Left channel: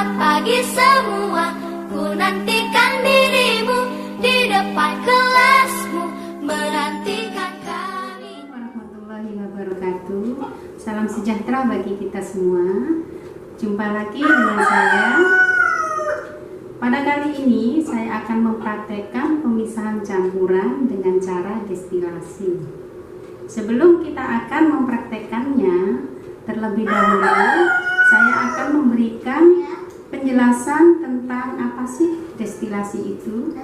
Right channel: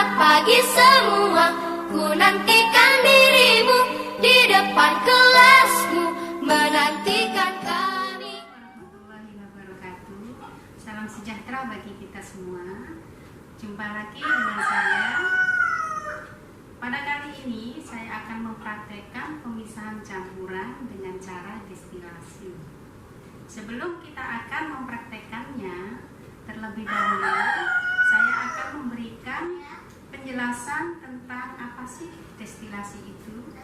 Selamat pagi semua, ku nantikan dirimu di depan kelasmu, menantikan kami. Warahmatullahi wabarakatuh. Salam sejahtera bagi kita semua. Jumpa lagi dengan saya. Pada kali ini saya akan mempraktekkan pemisahan campuran dengan cara destilasi. Sebelum kita akan mempraktekkannya, terlebih dahulu saya akan memberikan penjelasan tentang apa sih destilasi itu.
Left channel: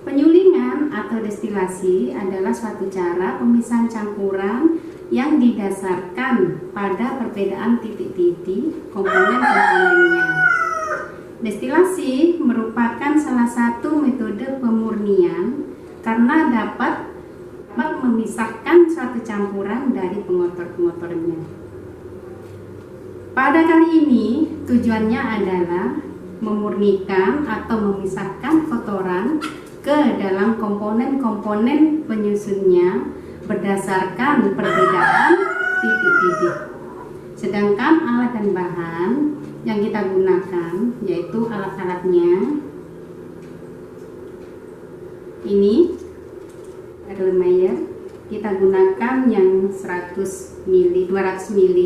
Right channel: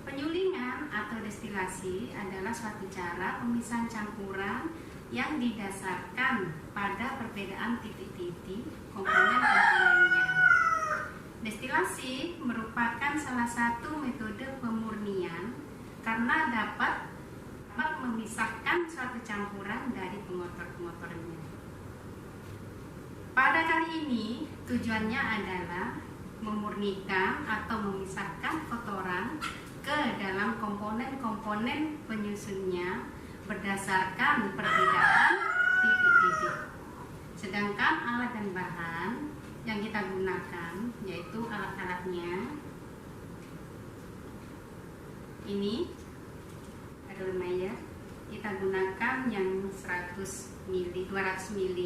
Penyulingan atau destilasi adalah suatu cara pemisahan campuran yang didasarkan pada perbedaan titik-titik komponen-komponennya. Destilasi merupakan salah satu metode pemurnian karena dapat memisahkan suatu campuran dari pengotor-pengotornya. Pada kali ini tujuannya adalah memurnikan atau memisahkan kotoran ke dalam komponen-komponen penyusunnya berdasarkan perbedaan titik-titik. Sedangkan alat dan bahan yang kita gunakan yaitu alat-alatnya ini Erlenmeyer, kita gunakan yang 100 ml, 200 ml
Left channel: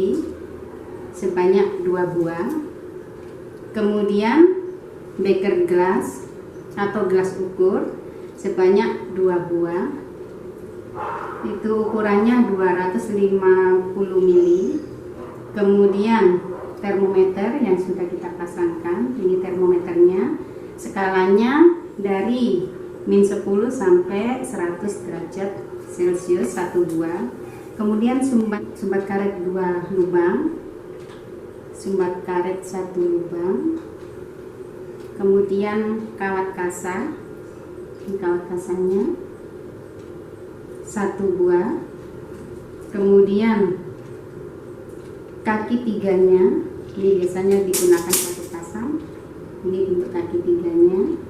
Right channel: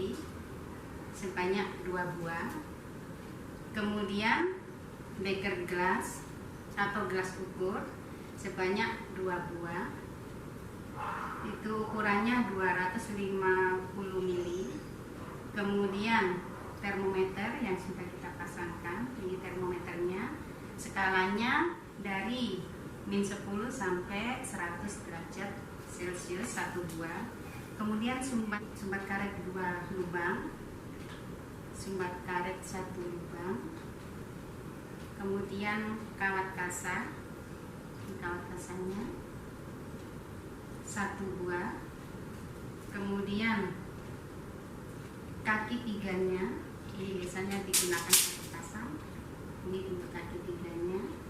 sebanyak 2 buah. Kemudian beker gelas atau gelas ukur sebanyak 2 buah. Itu ukurannya 250 ml. Kemudian termometer yang sudah kita pasangkan, ini termometernya, skalanya dari -10 sampai 100 derajat Celcius 1 buah. Kemudian sumbat karet 2 lubang, sumbat karet 1 lubang. Kemudian kawat kasa, ini kawat kasanya 1 buah. Kemudian kaki tiganya, ini biasanya digunakan 1 pasang. Ini untuk kaki tiganya.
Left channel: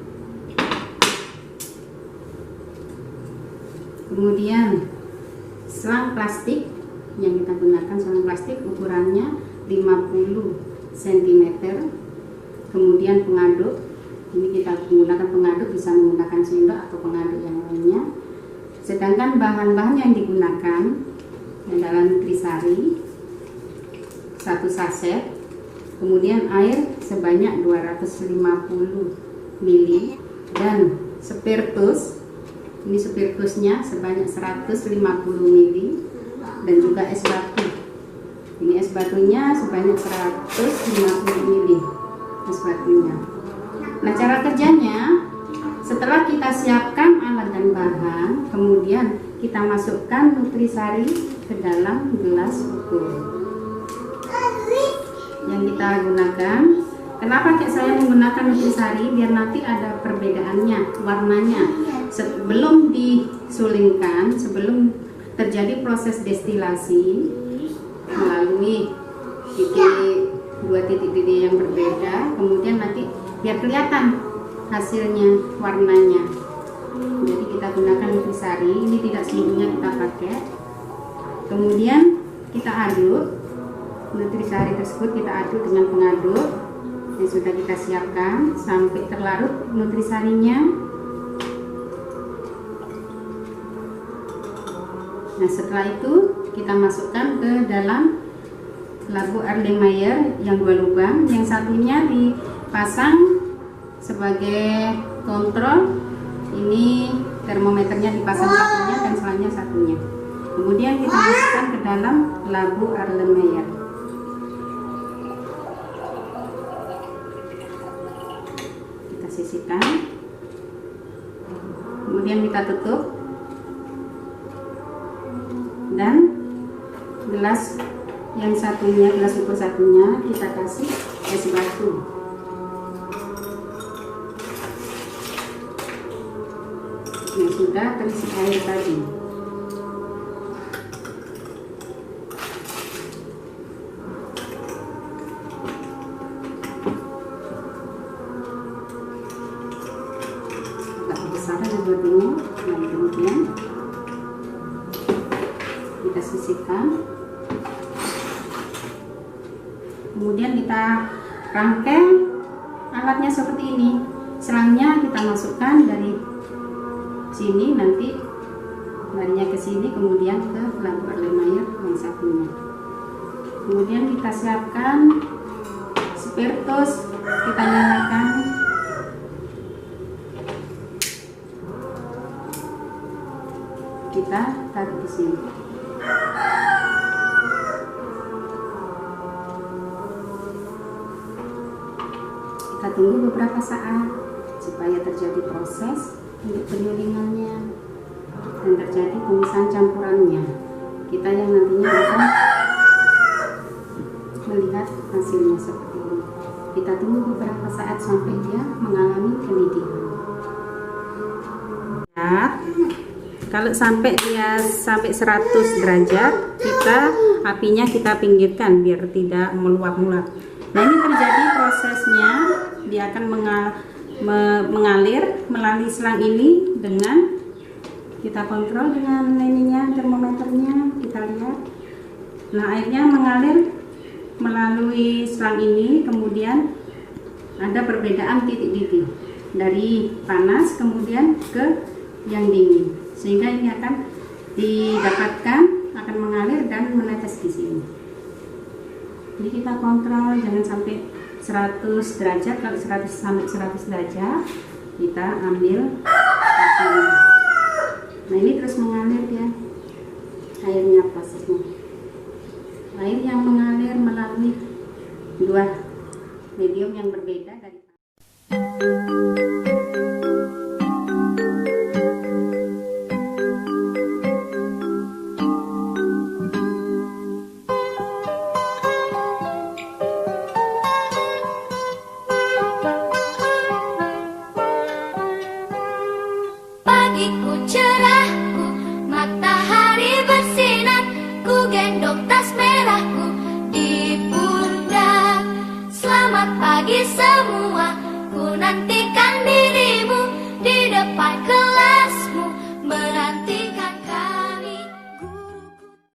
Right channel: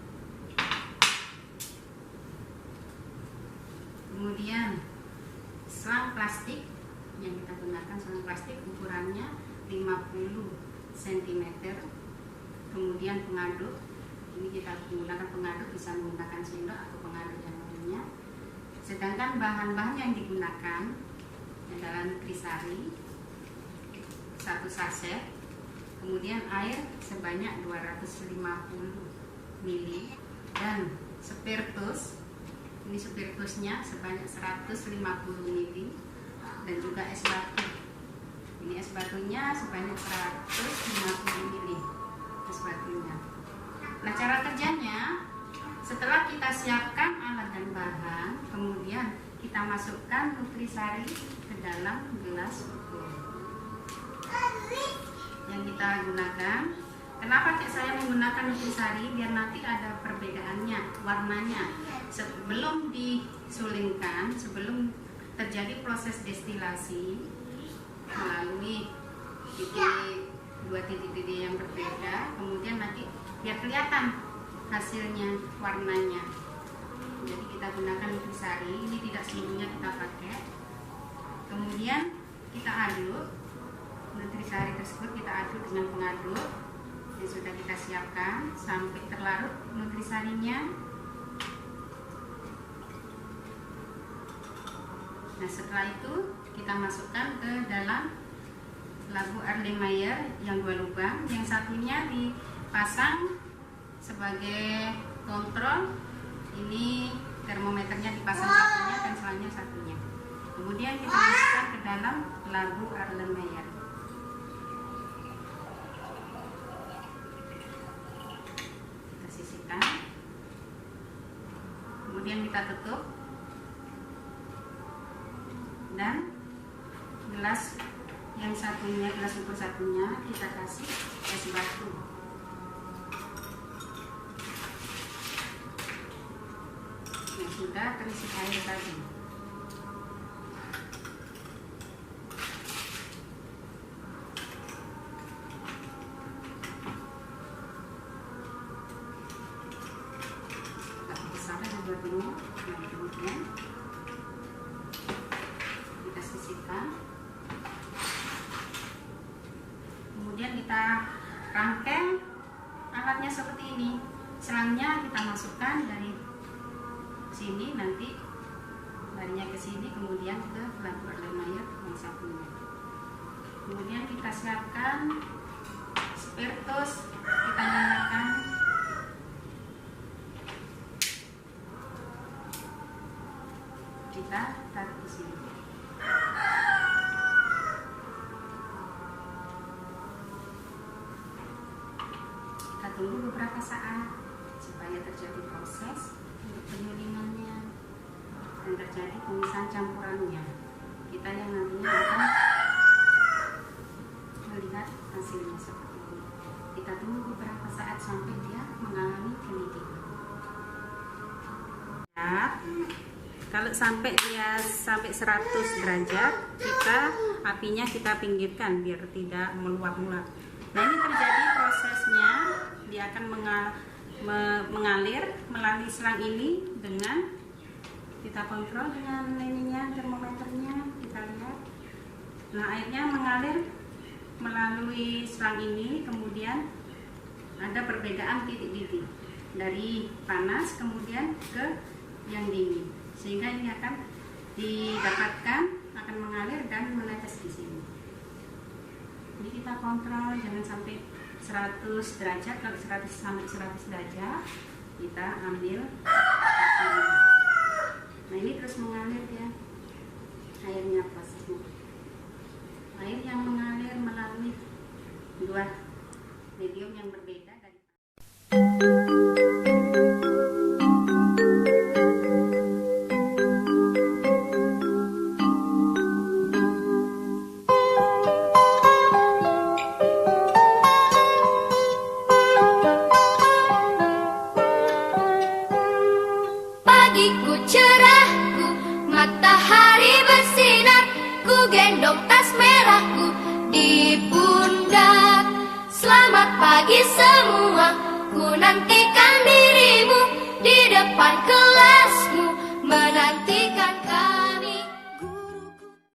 Kemudian selang plastik yang kita gunakan, selang plastik ukurannya 50 cm. Kemudian pengaduk, ini kita menggunakan pengaduk, bisa menggunakan sendok atau pengaduk yang lainnya. Sedangkan bahan-bahan yang digunakan adalah nutrisari 1 saset, kemudian air sebanyak 250 ml, dan spiritus, ini spiritusnya sebanyak 150 ml, dan juga es batu. Ini es batunya sebanyak 150 ml es batunya. Nah, cara kerjanya, setelah kita siapkan alat dan bahan, kemudian kita masukkan nutrisari ke dalam gelas ukur yang kita gunakan. Kenapa saya menggunakan nutrisari? Biar nanti ada perbedaannya, warnanya. Sebelum disulingkan, sebelum terjadi proses destilasi melalui dua titik-titik yang berbeda, kemudian nanti biar kelihatan hasilnya, warnanya. Jadi kita gunakan nutrisari, ini tidak seluruhnya kita pakai. Kemudian kita aduk nutrisari tersebut, kita aduk dengan pengaduk yang sudah kita siapkan sampai terlarut nutrisarinya. Nah, setelah itu kita masukkan ke dalam labu Erlenmeyer yang 2 lubang, yang satunya dipasang sebagai kontrol. Ini termometernya dipasang satunya dan selangnya satunya. Kemudian kita masukkan ke dalam labu Erlenmeyer. Kita sisihkan. Kemudian kita tutup. Dan gelas yang satunya, gelas ukur satunya, kita kasih es batu. Yang sudah terisi air tadi. Agak besar es batunya. Nah, kemudian kita sisihkan. Kemudian kita rangkai alatnya seperti ini. Selangnya kita masukkan dari sini, nanti larinya ke sini, kemudian ke lampu Erlenmeyer yang satunya. Kemudian kita siapkan spiritus, kita nyalakan. Kita taruh di sini. Kita tunggu beberapa saat supaya terjadi proses untuk penyulingannya dan terjadi pemisahan campurannya. Kita yang nantinya akan melihat hasilnya seperti ini. Kita tunggu beberapa saat sampai dia mengalami kenidikan. Kalau sampai dia sampai 100 derajat, apinya kita pinggirkan biar tidak meluap-luap. Nah, ini terjadi prosesnya, dia akan mengalir melalui selang ini dengan kita kontrol dengan ininya, termometernya, kita lihat. Nah, airnya mengalir melalui selang ini, kemudian ada perbedaan titik-titik dari panas kemudian ke yang dingin, sehingga ini akan didapatkan, akan mengalir dan menetes di sini. Jadi kita kontrol jangan sampai 100 derajat. Kalau 100 sampai 100 derajat kita ambil apinya. Nah, ini terus mengalir ya airnya, prosesnya. Air yang mengalir melalui dua medium yang berbeda dari pagiku cerahku, matahari bersinar, ku gendong tas merahku di pundak. Selamat pagi semua, ku nantikan dirimu di depan kelasmu, menantikan